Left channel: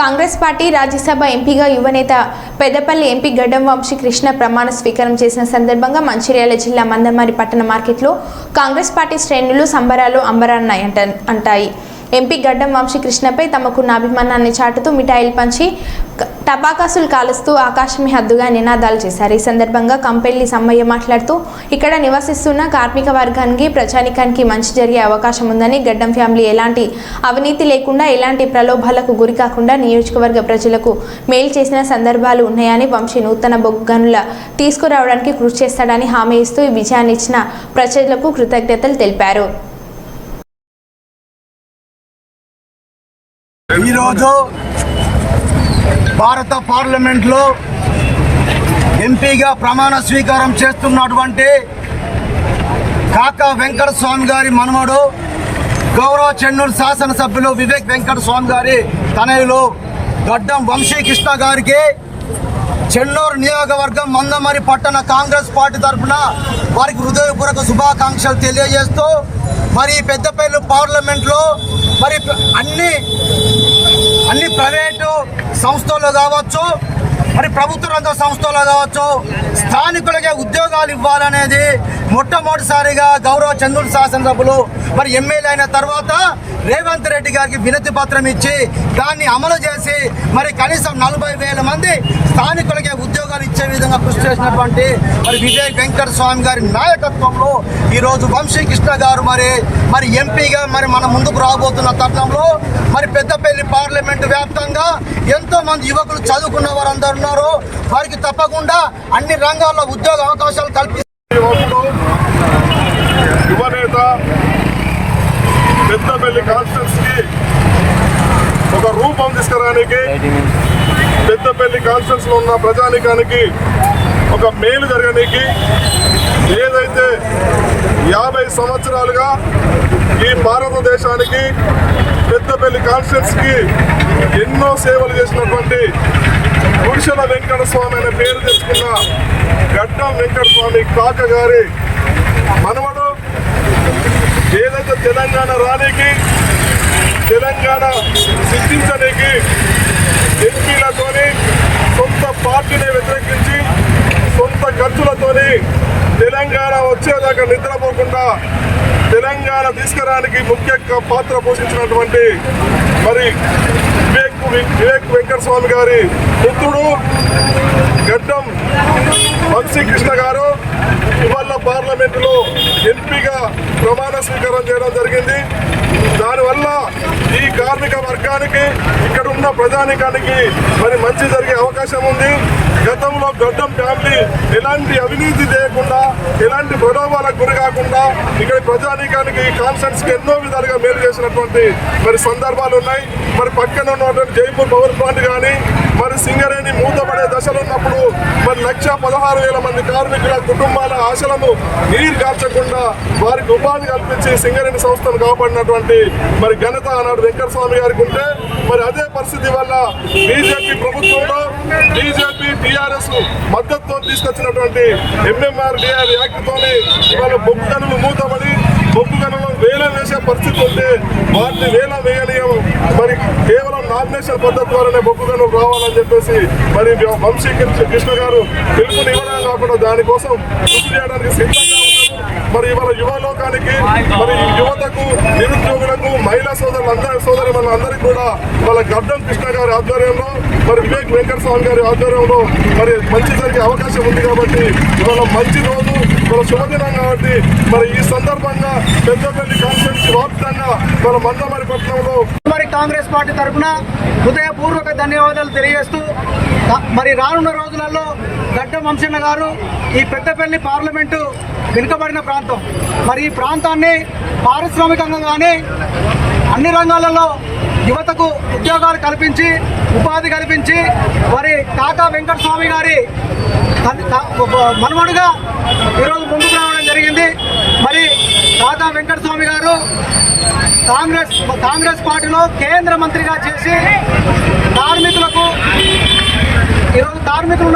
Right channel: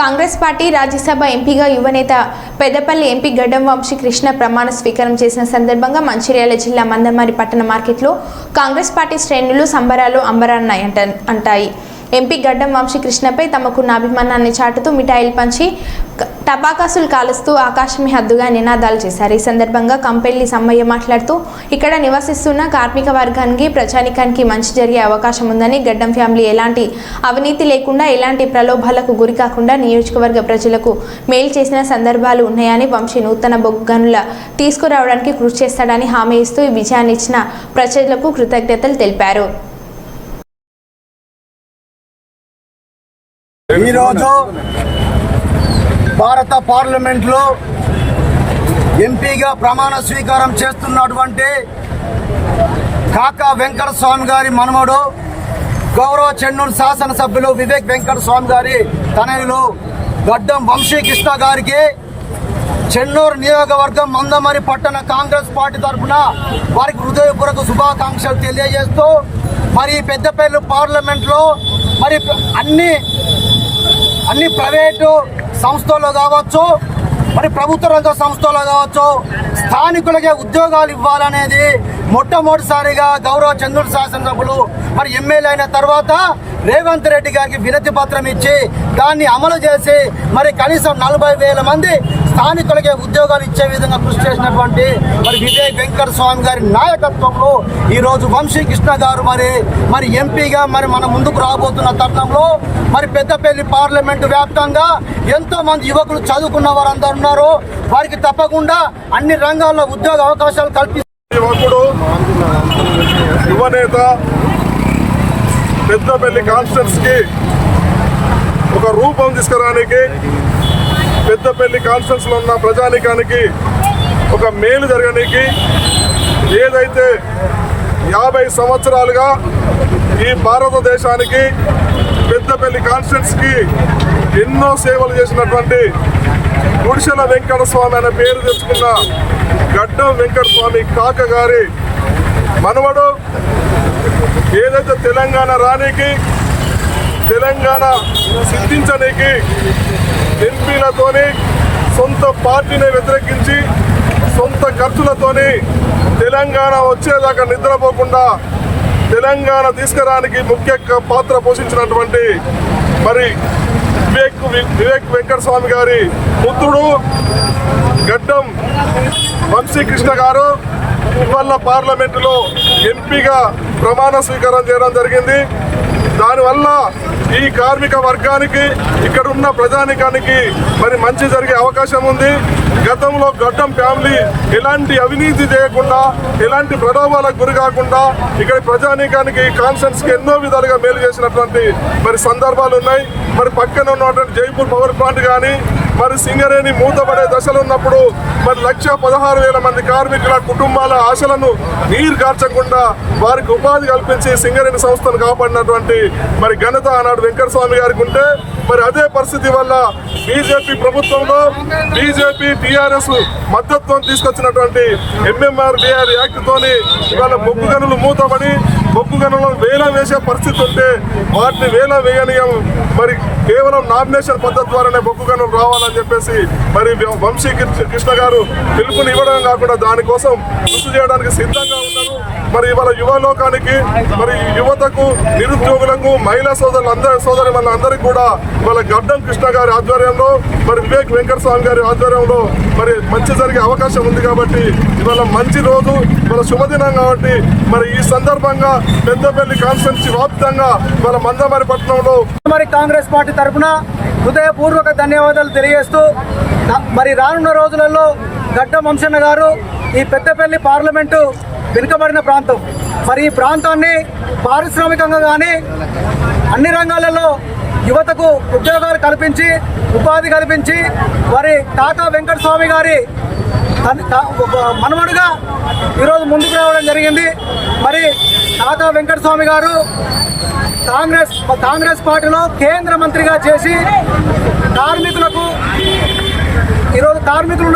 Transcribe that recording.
Congress party Rajya Sabha ఎంపీగా యువనేత Peddapalli MP గడ్డం వంశీ కృష్ణ ప్రమాణ స్వీకారం చేసిన సందర్భంగా మంచిర్యాల జిల్లా మందమారి పట్టణ మార్కెట్లో కాంగ్రెస్ పార్టీ శ్రేణులు సంబరాలు అంబరాన్నాయి అంట అంటాయి. ఎంపీ గడ్డం వంశీ కృష్ణపై తమకున్న అభిమానాన్ని చాటుతూ మిఠాయిలు పంచి టపాకాసులు కాలుస్తూ ఆకాశమే హద్దుగా నినాదాలు చేశారు. ఈ సందర్భంగా కంపెల్లి సమ్మయ్య మాట్లాడుతూ ఇక్కడ నివసిస్తున్న కార్మిక వర్గానికి ప్రజానికానికి మంచి జరిగే అవకాశం ఉందని గడ్డం ఫ్యామిలీ ఎలాంటి అవినీతి లేకుండా ఎలాంటి ప్రలోభాలకు గురి కాకుండా నియోజకవర్గ ప్రజలకు మేలు చేసిన సందర్భాలు ఉన్నాయని వంశీ నూతన బొగ్గు గనుల తీసుకురావడానికి కృషి చేస్తాడని హామీ ఇస్తూ ఈ విజయాన్ని ఇచ్చిన ప్రజలకు కృతజ్ఞతలు తెలిపారు. ఈరోజు భారత పార్లమెంట్లో ఎంపీగా ప్రమాణ స్వీకారం చేస్తున్నటువంటి కాకా వెంకట స్వామి గారి మనమడు గౌరవ చెన్నూరు శాసనసభ్యులు వివేక్ వెంకట స్వామి గారి తనయులు గడ్డం వంశీకృష్ణ గారికి చెన్నూరు నియోజకవర్గం మందమరి పట్టణ కాంగ్రెస్ పార్టీ తరఫున వారికి హృదయపూర్వక శుభాకాంక్షలు తెలియజేస్తూ మరి పెద్దపల్లి పార్లమెంట్లో మరి అన్ని అన్ని ప్రైవేటు సంస్థల్లో కావచ్చు మరి ప్రభుత్వ రంగ సంస్థల్లో కావచ్చు స్థానికులకే ఉద్యోగాలు ఇవ్వాలనేది మొట్టమొదటిసారిగా గౌరవ చంద్రుడు శాసనసభ్యులు మరి ఎమ్మెల్యే అయిన తర్వాత రేవంత్ రెడ్డి గారికి వినతి పత్రం ఇచ్చి దాన్ని అమలు చేసి మరి కనీసం నలభై వేల మంది స్థానికులకే ఉద్యోగాలు ఇచ్చే విధంగా కృషి చేసినటువంటి మరి విజయ్ వెంకట స్వామి గారి నాయకత్వంలో ఈరోజు వంశీకృష్ణ గారు మరి మరి ఎంపీగా మరి మన ముందుకు రాబోతున్న తరుణంలో మరి పెద్దపల్లి పార్లమెంటు వ్యాప్తంగా ఎంతో మంది యువకులు చదువుకున్న వారందరూ ఉన్నారు. వారికి తప్పకుండా అన్ని రంగాల్లో ఉద్యోగ అవకాశాలు కల్పి యువకుడు యువనేత పెద్దపల్లి కాన్స్టిట్యూన్స్కి ఒక రూపం తీసుకురానికి పెద్దపల్లి కాన్స్టిట్యూన్స్లో ఉన్న ప్రజానికానికి ఒక మేలు జరగడానికి ఏదైతే యాభై సంవత్సరాలుగా ఈ భారతదేశానికి పెద్దపల్లి కాన్స్టిట్యూన్స్కి ఎన్నో సేవలు చేసినటువంటి గుడిసెల వెంకట స్వామి అనే పేరు తెచ్చుకున్న గడ్డం వెంకట స్వామి కాక గారి మనవడు ఏదైతే తెలంగాణ రానికి తెలంగాణ సిద్ధించడానికి ఎంపీలతోని సొంత పార్టీని వ్యతిరేకించి సొంత ఖర్చులతోని తెలంగాణ వచ్చేదాకా నిద్రపోకుండా తెలంగాణ తీసుకురానికి ముఖ్య పాత్ర పోషించినటువంటి మరి వివేక్ వివేక్ వెంకటస్వామి గారి పుత్రుడు గడ్డం వంశీకృష్ణ గారు ఇవాళ పార్లమెంటులో ఎంపీగా ప్రమాణ స్వీకారం చేయడం జరిగింది. దానివల్ల ఈ కార్మిక వర్గానికి ఇక్కడ ఉన్న ప్రజానికానికి మరి మంచి జరిగే అవకాశం ఉంది. గతంలో గడ్డం ఫ్యామిలీ ఎలాంటి అవినీతి చేయకుండా ఎలాంటి ప్రలోభాలకు గురి కాకుండా ఇక్కడ ప్రజానీకానికి ఈ కి ఎన్నో విధాలుగా మేలు చేసినటువంటి మరి సందర్భాలు ఉన్నాయి. మరి పక్కన ఉన్నటువంటి జైపూర్ పవర్ ప్లాంట్ కానీ మరి సింగరేణి మూతపడే దశలు ఉన్నప్పుడు మరి లక్ష పదహారు వేల మంది కార్మికుల కుటుంబాల ఆశలను నీరు కార్చకుండా వారికి ఉపాధి కల్పించి సింగరేణి సంస్థను కాపాడినటువంటి మరి ఘనత ఆనాడు వెంకటస్వామి గారికి ఉంటే మరి అదే పరిస్థితి వల్ల బీజేపీ ప్రభుత్వంలో బీజేపీ టీఆర్ఎస్ మద్దతుతో తీసుకొచ్చినటువంటి ఎంఎంఆర్ డిఆర్ యాక్ట్తోని ఇవాళ బొగ్గు గనులు మూతబడి బొగ్గు గనులను వేల వేసే పరిస్థితి ఉంటే వాటిని వేలం వేయనీయం. మరి కేవలం నామినేషన్ పద్ధతి ద్వారానే బొగ్గు గనులు చేయాలని చెప్పేసి మరి వంశీ కృష్ణ- కృష్ణ గారు పిలుపునివ్వడం కాకుండా దానికోసం కృషి చేయడానికి సిద్ధంగా ఉన్నారు. మరి ఇవాళ యువలోకానికి మరి యువతకు నిరుద్యోగులకు మహిళా సోదరులు అందరి సోదరి అందరికీ కూడా వాళ్ళ గడ్డం కృష్ణ గారి ఆధ్వర్యంలో మరి వివేక్ వెంకట స్వామి గారి ఆధ్వర్యంలో మరి మంచి జరిగే అవకాశం ఉంది కాబట్టి ఇవాళ మంచి రోజు ఇవాళ శుభదినం కాబట్టి మరి ఈ సందర్భంగా పెద్దపల్లి కాన్స్టిట్యూన్సీ వ్యాప్తంగా మన మందమరి పట్టణంలో మరి కాంగ్రెస్ పార్టీ తరఫున హృదయపూర్వక ధన్యవాదాలు తెలియజేస్తూ మరి రానున్న రోజులలో గడ్డ వంశన్న గారు ఈ పెద్దపల్లి పార్లమెంటు వెనుకబడిన ప్రాంతం. మరి ఈ ప్రాంతాన్ని పారిశ్రామికంగా కానీ అన్ని రంగాలలో యువతకు ఉద్యోగాలు కల్పించి ఉపాధి కల్పించి మరి కాకా వెంకట స్వామి గారి తా- మనవడుగా ఈరోజు ముందుకు రావడం జరిగింది. మరి కాకా వెంకట స్వామి గారు కాంగ్రెస్ కాంగ్రెస్ పార్టీలో కేంద్ర మంత్రిగా చేసి కార్మికులకు ఈరోజు కార్మికులు